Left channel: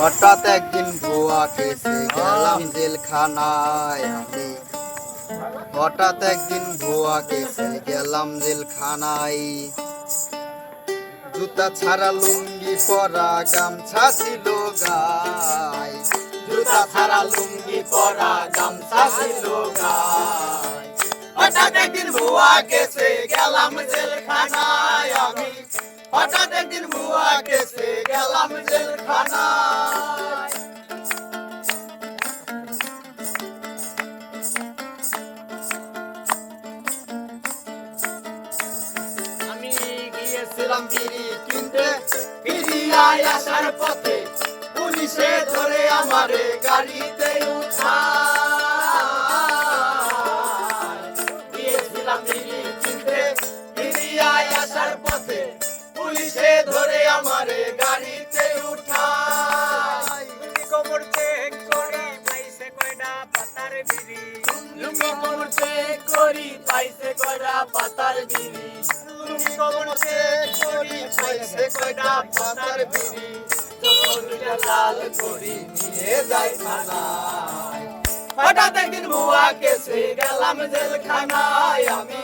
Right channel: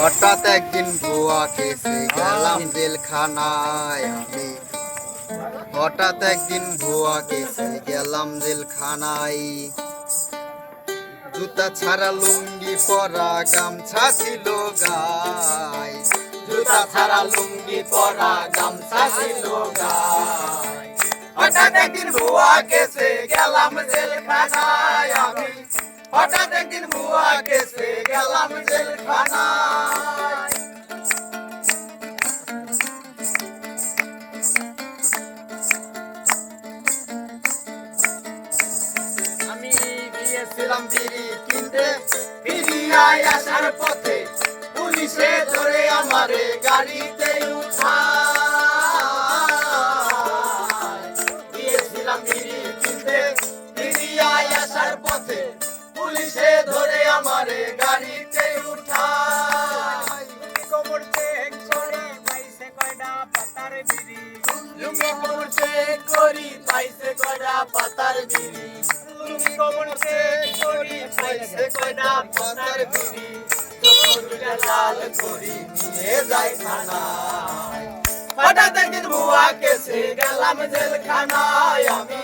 হঠাৎ একদিন ভুয়া কেসে গেলাম জেলখানায় আমি। হঠাৎ একদিন ভুয়া কেসে গেলাম জেলখানায়। জুতা ছাড়া লুঙ্গি পরা গামছা ছিল গায়। জুতা ছাড়া লুঙ্গি পরা গামছা ছিল গায়। হঠাৎ একদিন ভুয়া কেসে গেলাম জেলখানায় আমি। হঠাৎ একদিন ভুয়া কেসে গেলাম জেলখানায়। আমি গিয়েছিলাম বিড়ি কিনতে, ফিরিয়ায় আসার পথে পুলিশে ধরে আমারে গাড়িতে উঠায়। গিয়েছিলাম বিড়ি কিনতে, ফিরিয়ায় আসার পথে পুলিশে ধরে আমারে গাড়িতে উঠায়। কোমর চেক করে পাইছে কয়টা পাতার বিড়ি। লুঙ্গি কোমর চেক করি পাইছে কয়টা পাতার বিড়ি। লুঙ্গি কোমর চেক করি পাইছে কয়টা পাতার বিড়ি। চোখটা লাল করি নিয়ে যাই থানায়। হঠাৎ একদিন ভুয়া কেসে গেলাম জেলখানায় আমি।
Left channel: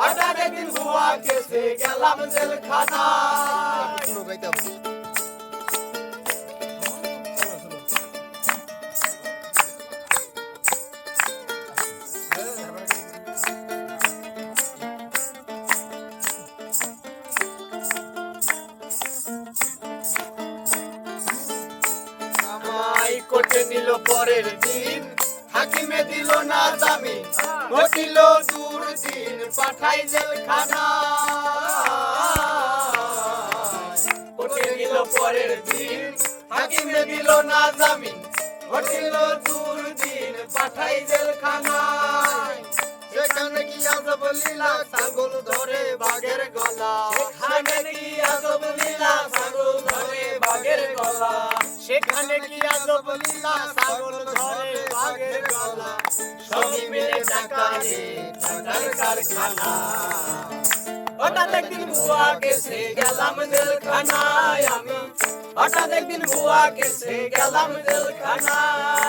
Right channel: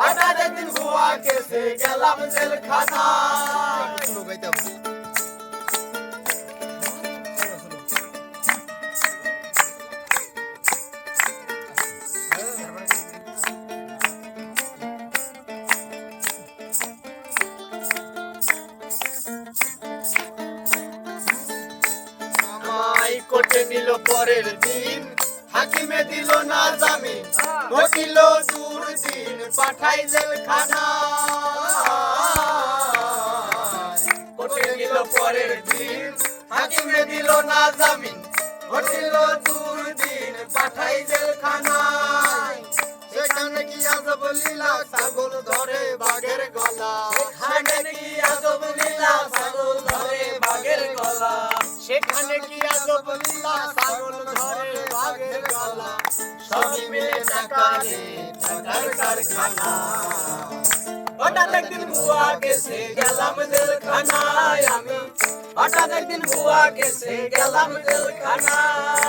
হঠাৎ একদিন ভুয়া কেসে গেলাম জেলখানায়। আমায় কোর্টে নিল পরের দিন, হাকিমে দিল না জামিন। ঘটিল দুর্দিন পাঠাই জেলখানায়। কোর্টে নিল পরের দিন, হাকিমে দিল না জামিন। ঘটিল দুর্দিন পাঠাই জেলখানায়। সেখানে কি আজব লীলা, ছাগল ধরে বাঘের গলা। সেখানে কি আজব লীলা, ছাগল ধরে বাঘের গলা। সেখানে কি আজব লীলা, ছাগল ধরে বাঘের গলা। সবই মিলে টাকা রে, টাকার কারখানা। হঠাৎ একদিন ভুয়া কেসে গেলাম জেলখানায় আমি। হঠাৎ একদিন ভুয়া কেসে গেলাম জেলখানায়।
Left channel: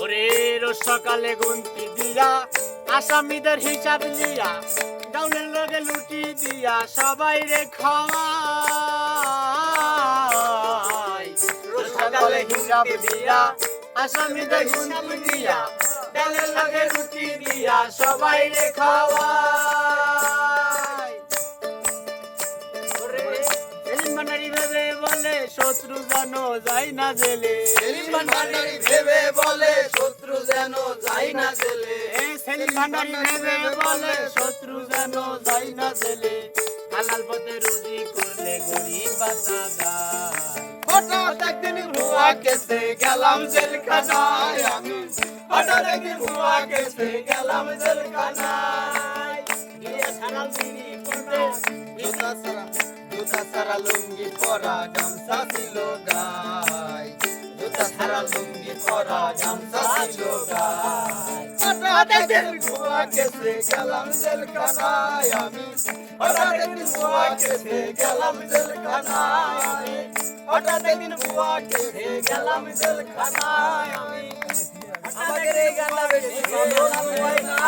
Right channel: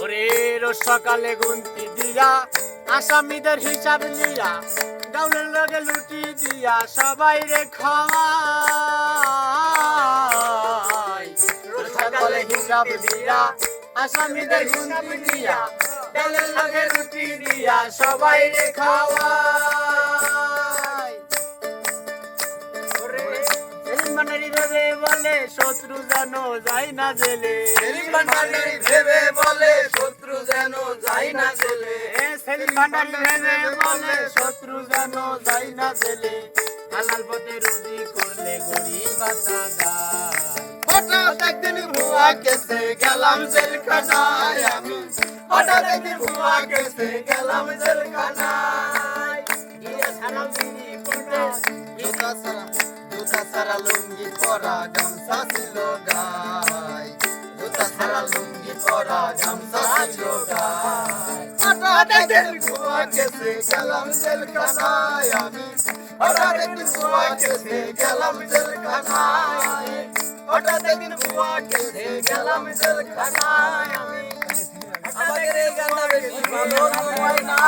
ওরে রোজ সকালে গুনতি দিয়া, আসামিদের হিসাব নিয়া, ডাউনের লগে লুটি দিয়া সবাই রে খাওয়াই। রোজ সকালে হিসাব দিয়া, আসামিদের গুনতি দিয়া, ডাউনের লগে লুটি দিয়া সবাই রে খাওয়াই। সেলিম ভান্ডারী ভেবে বলে শত্রু যেন যায় না জেলে। সেলিম ভান্ডারী ভেবে বলে শত্রু যেন যায় না জেলে। সেলিম ভান্ডারী ভেবে বলে শত্রু যেন যায় না জেলে। হালাল পথে রুজি করলে গরিব বাঁচা যায়। হঠাৎ একদিন ভুয়া কেসে গেলাম জেলখানায় আমি। হঠাৎ একদিন ভুয়া কেসে গেলাম জেলখানায়। গিয়েছিলাম বিড়ি কিনতে, জুতা ছাড়া লুঙ্গি পরা গামছা ছিল গায়। জুতা ছাড়া লুঙ্গি পরা গামছা ছিল গায়। হঠাৎ একদিন ভুয়া কেসে গেলাম জেলখানায় আমি। হঠাৎ একদিন ভুয়া কেসে গেলাম জেলখানায়। হঠাৎ একদিন ভুয়া কেসে গেলাম জেলখানায় আমি। আমাদের এই গানটা বেশি ভালো হয় না।